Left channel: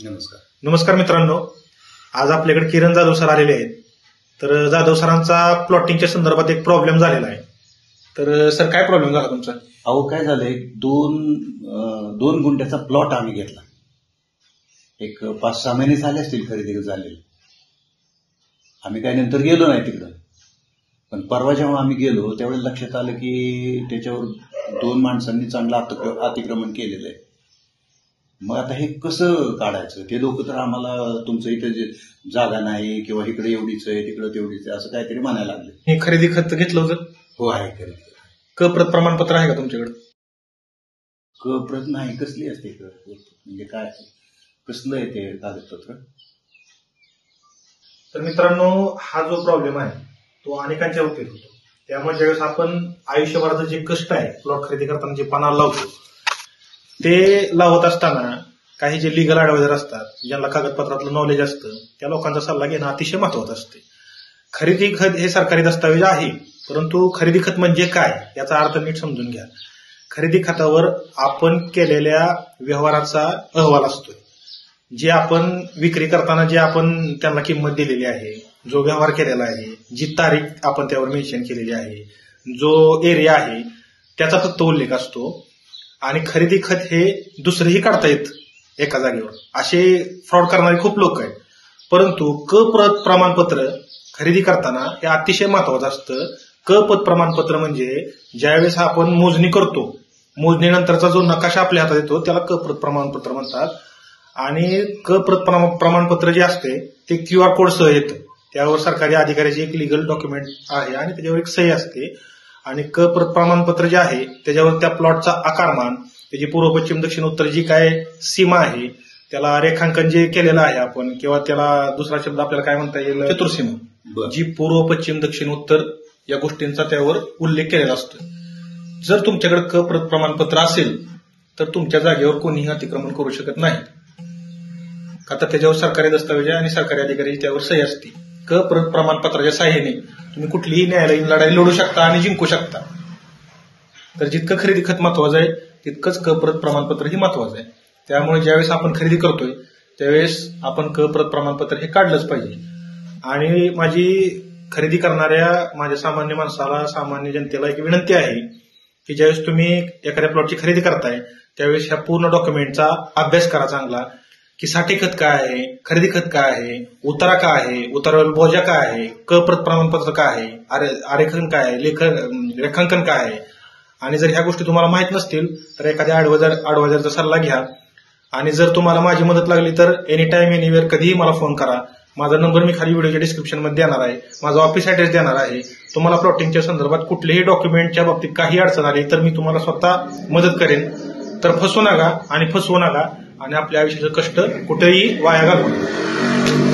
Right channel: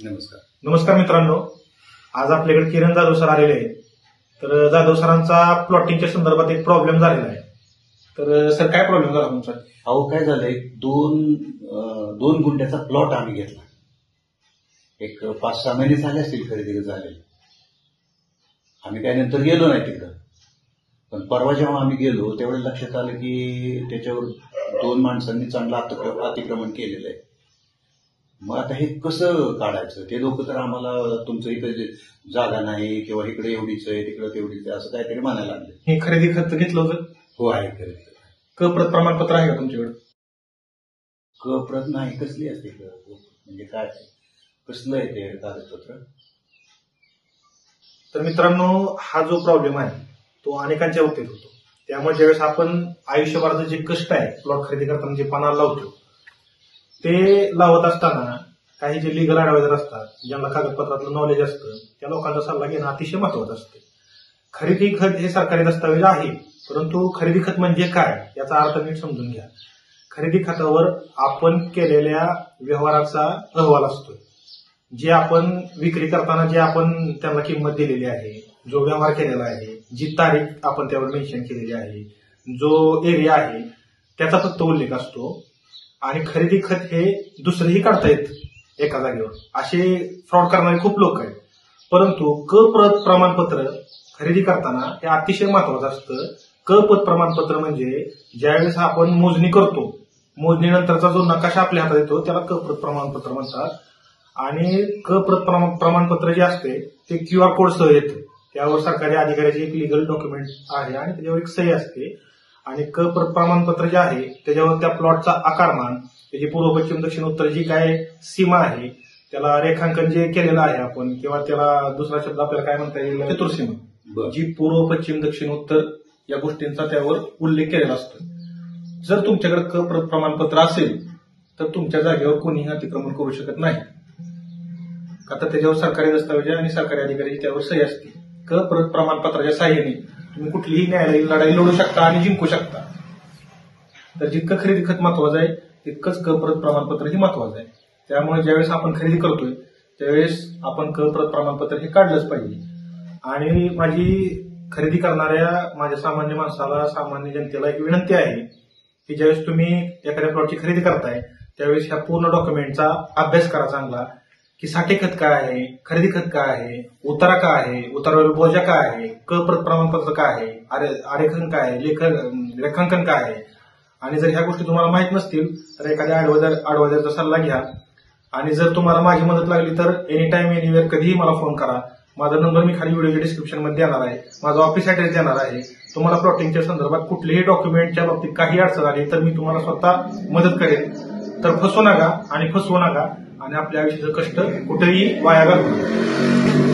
नमस्कार. नमस्कार मित्रांनो, आज आपल्याकडे किरण जाधव सर आलेले आहेत. तर जाधव सरांचा प्लॉटिंगच्या संदर्भात एक प्रॉब्लेम झालेला आहे. तर सर काय प्रॉब्लेम झाला तुमचा? अहो काय झालंय, दोन गुंठ्याचा प्लॉट आम्ही घेतला. एक 5-6 महिने झाले असतील खरेदी झालेली. आम्ही काही नंतर गेलो नाही तिकडं, पण परवा जेव्हा आम्ही गेलो त्यावेळेस लक्षात आलं की त्याच्यावर 2 माणसांनी चांगलं अतिक्रमण केलेलं आहे. मग आता हे कसं काढायचं? ते लोक तर आम्हाला तुमचं इथे जागा नाही किंवा इकडे एवढीच आहे तिकडे तेवढीच आहे असं काहीतरी म्हणायला लागले. हे खरेदी खत घेतलं होतं? हो आहे खरेदी. क प्रमाणपत्र आहे का तुमच्याकडे? प्रत नाही. कसली असते म्हणजे काय, कसलं आहे ते कागदपत्र? तर मित्रांनो, हा जो प्रॉब्लेम आहे तो अनेकांच्या बाबतीत होतो. त्यामुळे ज्यावेळेस आपण आयुष्यभराचं जे कष्ट आहे प्लॉट खरेदी करताना जे पानाला लावतो ते लावत असताना काही जे लिगल ऍडवायझर असतात, ज्यांना कागदपत्रातलं नॉलेज असतं, त्या लोकांचा सल्ला घेणं अतिशय महत्वाचं असते. खरेदी खत हे सरकारी दस्तावेज आहे, परंतु खरेदी खत म्हणजे काय याचा अर्थ नीट समजून घ्या. खरेदी खतावर आपण केलेल्या व्यवहाराचा अहवाल असतोय. जे आपण विक्री करताना जे आपण त्यांना किंमत दिलेली आहे, जो व्यवहार केलेला आहे, जी तारीख आपण त्यावर मेन्शन केलेली आहे, जो एरिया आहे त्याचा फक्त उल्लेख असतो. आणि खरेदी खत हे दुसरेही काढता येत एका जागेवर. असे फ्रॉड करणारे खूप लोक आहेत. परंतु प्रमाणपत्र खरेदी करताना हे अतिशय महत्वाचं असतं. पत प्रमाणपत्र म्हणजे ज्यावेळेस आपण मोजणी करतो, मोजणीनंतरचा जो नकाशा आपल्या हातात येतो त्याला प्रत प्रमाणपत्र म्हणतात. आणि प्रमाणपत्र जे असते ते QR कोड सह येतं. त्यावर सरकारी अधिकाऱ्याची एक लिगल डॉक्युमेंट आहे आणि त्याच्यावर एक सही असते. आणि प्रत प्रमाणपत्र जे आहे त्याच्यावर त्या प्लॉटचा आकारमान, त्याची पूर्व पश्चिम दक्षिण उत्तर जी काय सीमा आहे त्याला रेखांकन जे केलेलं आहे आपण, किंवा त्याला दुसरा शब्द आपल्याला काय म्हणता येईल, चतुर्सीमा, जी पूर्व पश्चिम दक्षिण उत्तर या गोष्टींचा त्यावर उल्लेख केलेला असतो. जर तुमच्याकडे प्रत प्रमाणपत्र असेल तर तुमच्या जागेवर कोणीही अतिक्रमण करू शकत नाही. आता त्याच्यावर सरकारी दस्तावेज आणि सरकारी अधिकाऱ्याची त्यावर सही असते. प्रत प्रमाणपत्राच्या साह्याने तुम्ही कुठलीही न्यायालयीन लढाई लढू शकता आणि जिंकू शकता. तर जितकं खरेदी खत महत्वाचं आहे तितकंच प्रत प्रमाणपत्र ही महत्वाचं आहे. त्यामुळे ज्यावेळेस आपण खरेदी करतोय त्यावेळेस आपण प्रत प्रमाणपत्र हे काढलंच पाहिजे. आणि माझी खरेदी करणाऱ्या माझ्या सामान्य माणसाला, सामान्य जनतेला एक विनंती आहे की ज्यावेळेस तुम्ही एखाद्या प्लॉटची खरेदी करताय त्यावेळेस ह्या पूर्ण डॉक्युमेंटचा अभ्यास करा चांगला, की साठी खत काय आहे, खरेदी खत काय आहे, उतारा काय आहे, उतारावर बोजा काय आहे, प्रत प्रमाणपत्र काय आहे, आरेखन काय आहे, रेखांकन काय आहे. आणि जर ह्या गोष्टी तुम्हाला माहित नसतील तर एखाद्या ऍडवायझरचा सल्ला घ्या. आणि जर तुम्हाला माझी मदत लागली तर एनी टाइम एनिवेअर कधीही मला फोन करा. माझा नंबर मी खाली व्हिडिओच्या डिस्क्रिप्शन मध्ये देणार आहे, माझा ऑफिस ऍड्रेस देणार आहे. तुम्हाला प्लॉटिंगच्या संदर्भात कुठल्याही डॉक्युमेंटच्या बाबतीत काही अडचण आली तर मी तुम्हाला स्वतः मदत करेन. तर फसवू नका आणि फसवू नका आणि आपल्या आयुष्याचं कष्ट कुठेही वाया घालू नका.